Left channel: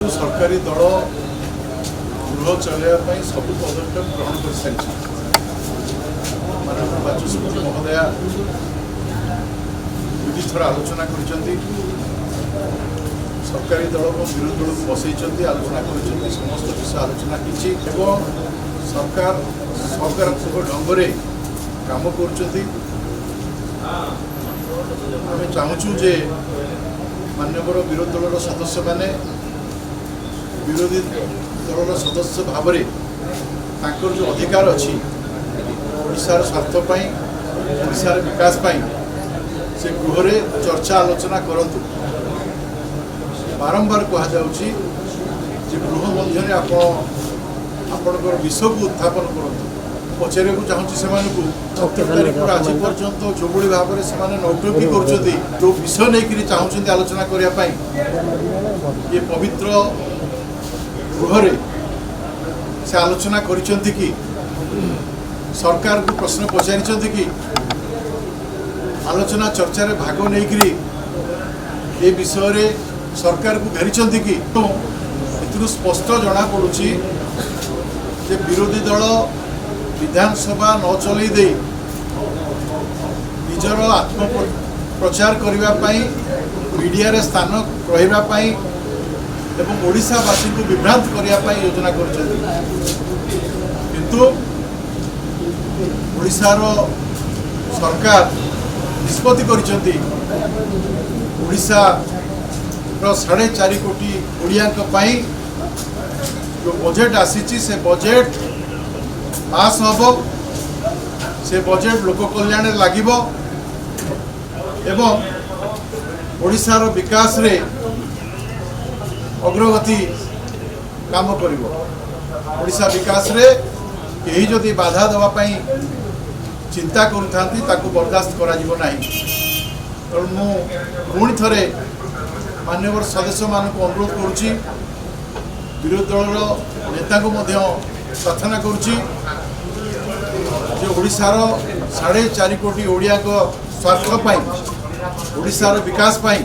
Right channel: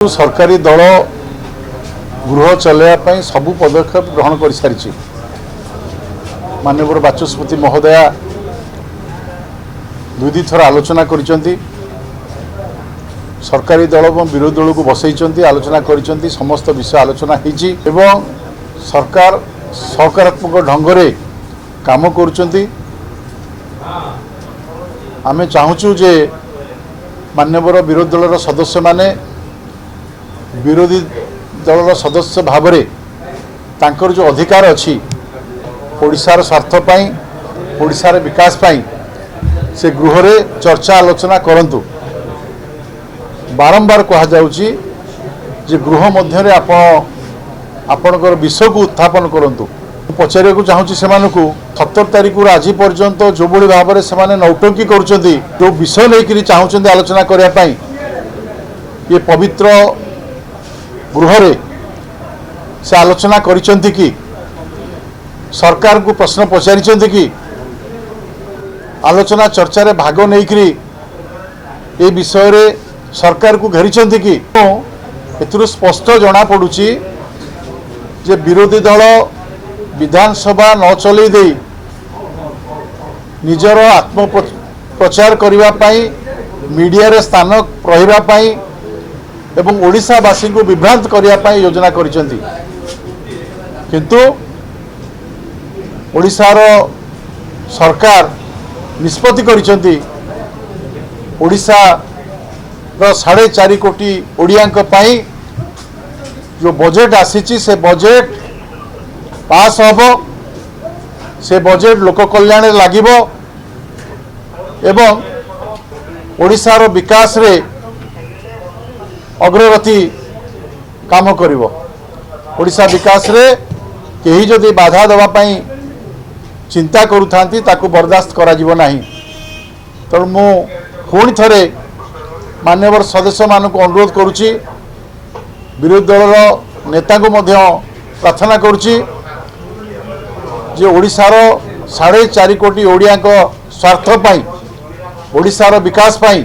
सरकारी दल गृह चलैया सबू पदक्षेप ग्रहण कर सारी माननीय बाचस्पति महोदया दुई थर आलोचना कर सरकारी दल और विरोधी दल को बसई आलोचना कर समस्त विषय आलोचना होती सरकार सकारात्मक ढंग से काम कर आमे चाहूँ जे माननीय विरोधी दल सदस्य माने विरोधी दल सदस्य भाव में तांकर जो अधिकार अच्छी ओडिशार स्वार्थपाई ओडिशार विकास पाई से गृह रे चर्चा आलोचना करंतु बारंबार कहा जाउची जे गृह मध्य आपणकर विषय को उत्थापन करंतु पचारे को चाहूँगी से 17 तारीख आज पर्यंत जो बड़ी भाव में से नौटंकी करुँच जो विषय नहीं चाहूँ आलोचना करने ये पवित्र गृह रे से आलोचना करिसेंती कि सरकार को प्रश्न पचारि कि आलोचना चर्चा रे भाग नहीं ये विषय रे सरकार को घेरी कि एथुरु स्पष्ट जना पड़ुची जे विरोधी दल विधानसभा न चलई दे निजर आत्म प्रचार करने मीडिया रे स्थान रही एवं ओडिशावासी को विभ्रांत करने योजना करिसेंती किंतु ओडिशार सरकार निष्पत्ति करिसेंती ओडिशा रो 4.5 कोटी ओडियांक पाई जो बजेट आसीची से बजेट पास हबो से बजेट लोक कल्याण लागिबो एवं ओडिशार विकास रे अग्रगति काम करिवो ओडिशा विकास रे केही जदि बाधा देवा पई चिंता करूथांती ताकू बर्दाश्त करा जीवो नाही तो मु पुणी थरे मान्यवर सदस्य मानक अनुरोध करुची विरोधी दल नेता को मध्य प्रार्थना करुची जे ओडिशार 4.5 कोटी ओडिया स्वार्थ पाई ओडिशार विकास पाई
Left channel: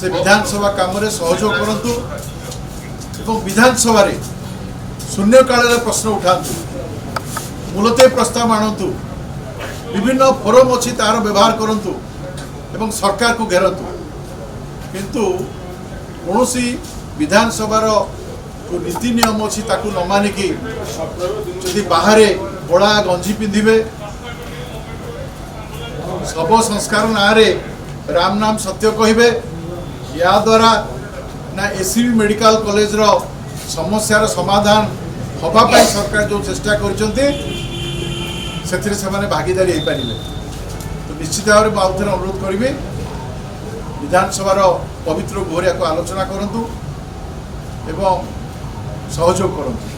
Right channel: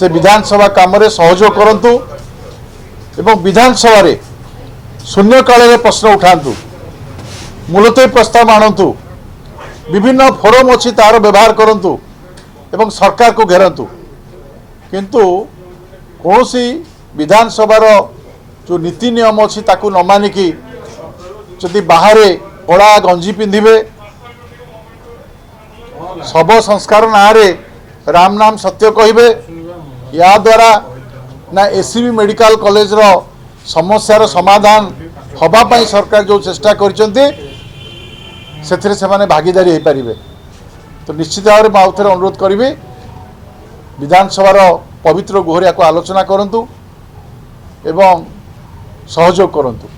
से विधानसभा काम रे सहयोग करंतु एवं विधानसभा रे शून्यकाल रे प्रश्न उठांतु मूलतः प्रस्ताव आणंतु विभिन्न फोरम अच्छी तार व्यवहार करंतु एवं सरकार को घेरंतु किंतु कौनसी विधानसभार जो नीति नियम अच्छी ताकू न मानिकी जदि बाहर बड़ा गंजी पिंधिबे शव संस्कार ना रे राम नाम सत्य कहिबे या द्वारा ना एससीबी मेडिकल कॉलेज रो समस्यार समाधान हवापाई सरकार जो चेष्टा करिसेंती सेथिरे सेमाने भागीदारी हो पारिबे तो निश्चित भाव में आउ थे अनुरोध करी विधानसभार पवित्र गृह को आलोचना करंतु एवं सहयोग करंतु।